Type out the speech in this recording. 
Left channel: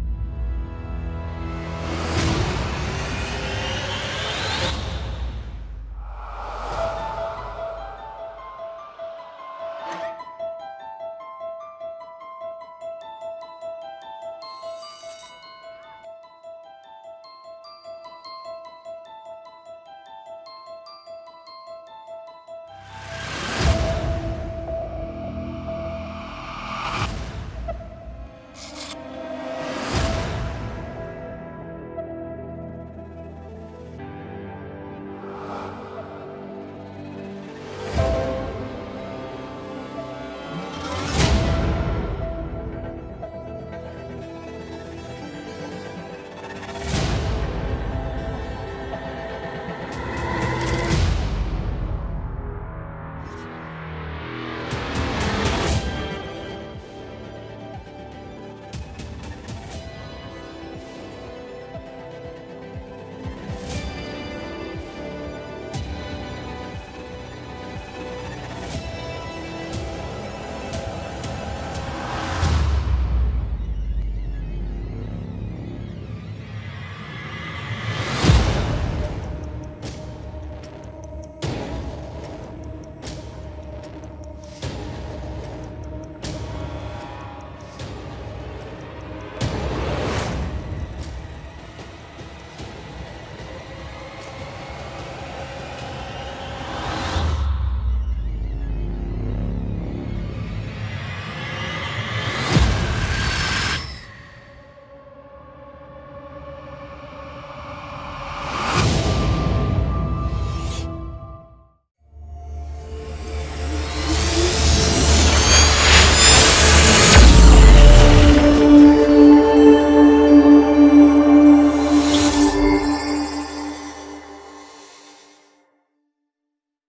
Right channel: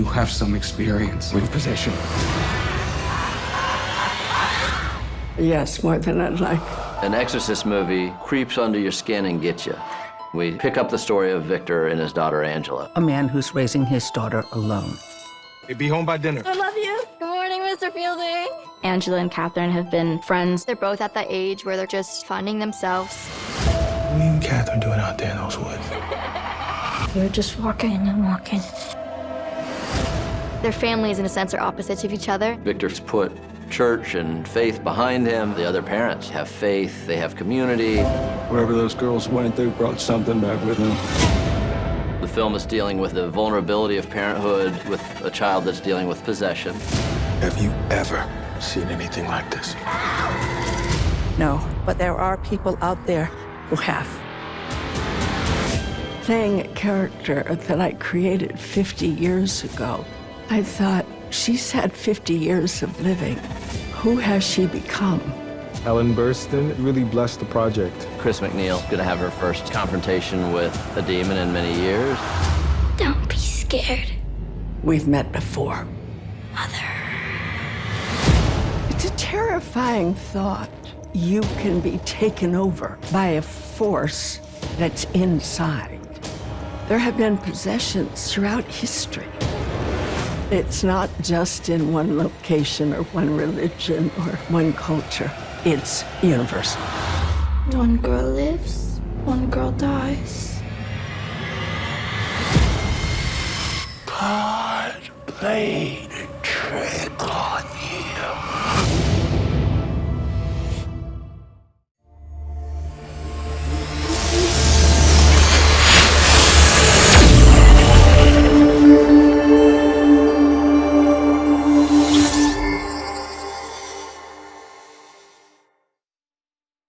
You have some experience with possession. Yes, more than I'd like. An Exorcist movie creeps under your skin and gets you. We pick up the story of Victor and his daughter, Angela. A man who's raising his daughter alone. Hey, be home by dinner. I love you. Good morning, Mr. Fielding. Angela and Catherine have been friends. They're both at that age where they're just finding themselves. What are you and Catherine doing out there in those woods? We're just walking and walking. Their families, in a sense, are opposites of each other. Victor's put church and faith behind him. The other parents have faith, they have community. Wherever those girls went, they brought something back with them. The film is dealing with the vulnerability of parenthood with a child that's dealing with possession. Have you ever seen anything like this? No, but there are people out there who have. Playing a character that I created 50 years ago, I thought, she's had 50 years of living. Who has she become? Ellen Burstyn really blessed the project. Chris MacNeil's gonna have her first confrontation with a demon in many years. Don't be scared, We've met before. Mother. It's a terrifying thought. You can be taken over by a force that's inside. There have been possessions throughout history. It's not just in one location or one religion or one culture. It's universal. One girl lives, one girl dies. God played.